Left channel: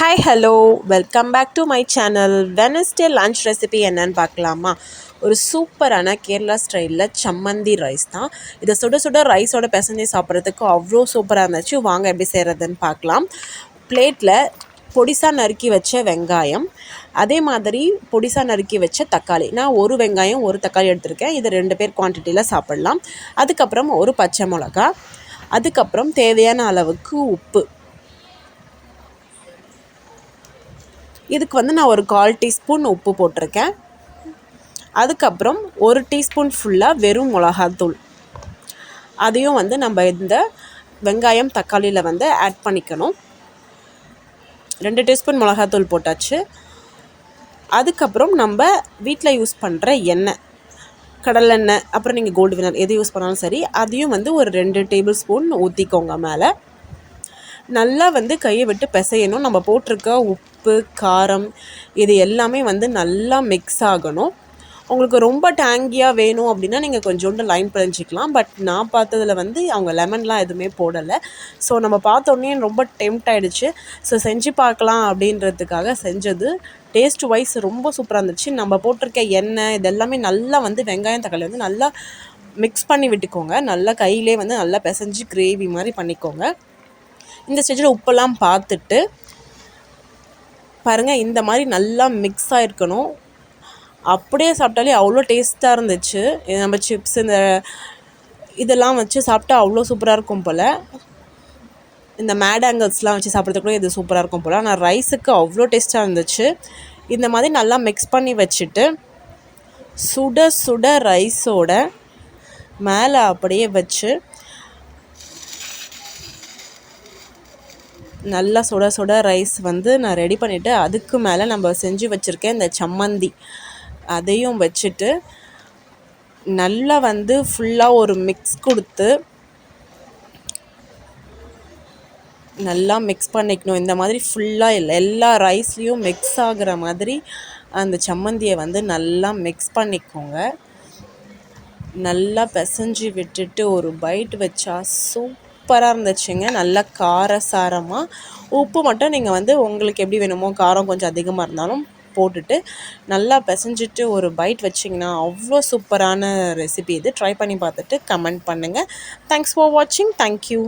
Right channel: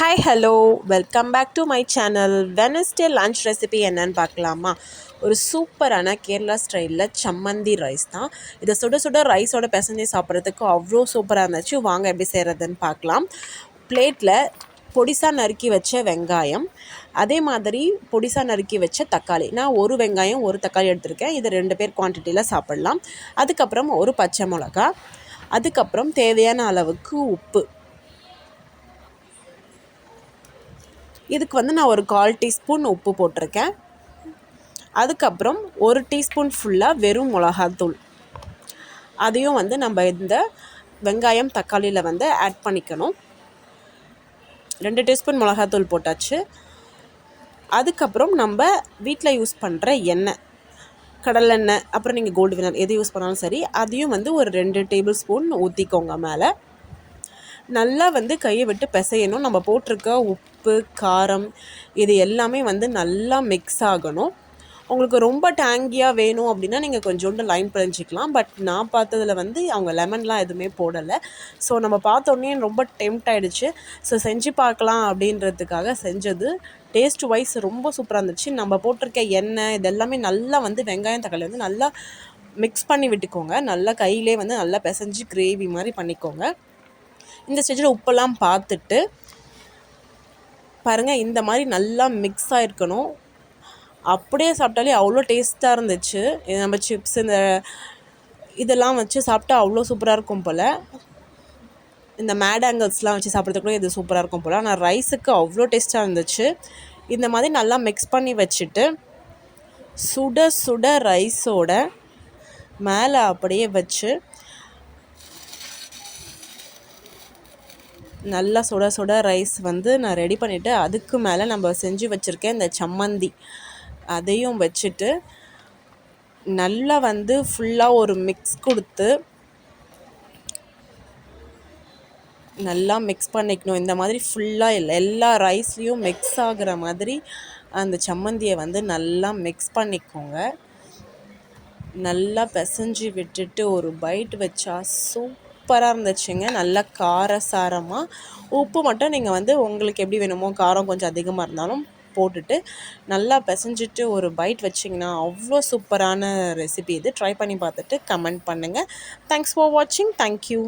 Hi hello welcome back to my channel. Wednesday lunch recipe என்னன்னு பார்க்கலாமா? ஒரு சூப்பரான கேரளா ஸ்டைலில் சம்மந்தி ரைஸ் தான். இதை சுட சுட ரைஸோட பிசைஞ்சு சாப்பிட்றதுக்கு அவ்வளோ சூப்பராக இருந்துச்சு. வாங்க எப்படி செய்கிறதுன்னு பார்க்கலாம். பிளேட்டில் பொடிசாக நறுக்கி வச்ச வெங்காயம், அதே மாதிரி பொடிசாக நறுக்கி வச்ச தக்காளி. நான் ஒரு வெங்காயம் ஒரு தக்காளி எடுத்திருக்கேன். இது 2 பேர் குவான்டிட்டியில் சாப்பிட்லாம். அதுக்கப்புறம் ஒரு பச்சை மிளகா, அதுக்கப்புறம் தேவையான அளவுக்கு உப்பு. இதுக்கு வந்து நான் ஒரு 1/4 டீஸ்பூன் உப்பு போட்டிருக்கேன். அதுக்கப்புறம் 1 டீஸ்பூன் ஃபுல்லாக வெறும் மிளகாத்தூள். அதையும் வந்து நம்ம இந்த வெங்காயம் தக்காளியில் வந்து ஆட் பண்ணிக்கணும். 2 டீஸ்பூன் மிளகாத்தூள் போட்டாச்சு. அதுக்கப்புறம் நம்ம வீட்டில் யூஸ் பண்ணுற எண்ணெய், கடலெண்ணெய், அப்புறம் நீங்கள் கோல்டு வினர் எது யூஸ் பண்ணாலும் சரி, அதையும் வந்து ஒரு 2 டேபிள் ஸ்பூன் ஊற்றிக்கோங்க. மேலே நல்லா வந்து கையை விட்டு பிசையணும். நம்ம போட்டிருக்க உப்பு, காரம் இது எல்லாமே வந்து நல்லா மிக்ஸ் ஆகணும். உங்களுக்கு ரொம்ப டேங்கியாக வேணும் அப்படின்னா நீங்கள் கொஞ்சோண்டு லைம் பிழிஞ்சிக்கலாம். பட் நான் பார்த்ததில் வந்து அவங்க லெமன்லாம் எதுவுமே போடலை. ஸோ நம்ம பார்த்தோன்னே ரொம்ப டெம்ட் ஆகிடுச்சு. ஸோ செஞ்சு பார்க்கலாம் அப்படின்றதுக்காக செஞ்சது. டேஸ்ட் வைஸ் ரொம்ப சூப்பராக இருந்துச்சு. நம்ம போட்டிருக்க எண்ணெய் இதெல்லாமே நல்லா வந்து வெங்காயம் தக்காளி வந்து நல்லா மிக்ஸ் பண்ணி விட்டுக்கோங்க. நல்லா கையிலே வந்து நல்லா பிசைஞ்சு கிரேவி மாதிரி பண்ணிக்கோங்க. இந்த ஸ்டேஜில் உப்பெல்லாம் பார்த்துட்டு பாருங்கள், இந்த மாதிரி நல்லா மிக்ஸ் ஆகிருக்கணும். அப்படியே சாப்பிட்டாலே அவ்வளோ டேஸ்ட்டாக இருந்துச்சு. நம்ம சிப்ஸ் இந்த இதெல்லாம் வச்சு சாப்பிட்டா அவ்வளோ சூப்பராக இருக்கும் போல். இந்த மேடாங்கல்ஸ்லாம் வச்சு சாப்பிட்றதுக்கு கூட இது சூப்பராக இருக்கும் போல். ஆனால் ரைஸுக்கு அவ்வளோ டேஸ்ட்டாக இருந்துச்சு. இந்த மாதிரி நல்லா மிக்ஸ் பண்ணி வச்சுட்டு சுட சுட ரைஸோட மேலே அப்படியே வச்சு நல்லா சுட சுட ரைஸ் வந்து நான் ரெடி பண்ணிவிட்டு அதுக்கு மேலே நம்ம செஞ்சு வச்சுருக்கேன் இந்த சம்மந்தி அதையும் வச்சுட்டு நல்லா வந்து ஃபுல்லாக ஒரு மிக்ஸ் கொடுத்து நல்லா மிக்ஸ் பண்ணிக்கணும். இந்த மாதிரி ஃபுல்லாக எல்லா ரைஸ்லேயும் மிக்ஸ் ஆகிற மாதிரி அந்த சம்மந்தியை வந்து நல்லா மிக்ஸ் பண்ணிக்கோங்க. நல்லா பிசைஞ்சு விட்டுட்டு ஒரு பைட் வச்சா சூப்பராக இருந்துச்சுங்க. நல்லா காரசாரமாக. உப்பு மட்டும் நீங்கள் வந்து உங்களுக்கு எப்படி வேணுமோ, காரம் கொஞ்சம் அதிகமாக இருந்தாலும் போட்டுட்டு நல்லா பிசைஞ்சிட்டு ஒரு பைட் வச்சிங்கன்னா அவ்வளோ சூப்பரான ரெசிபி இது. ட்ரை பண்ணி பார்த்துட்டு கமெண்ட் பண்ணுங்கள். தேங்க்ஸ் ஃபார் வாட்சிங். தேங்க்யூ.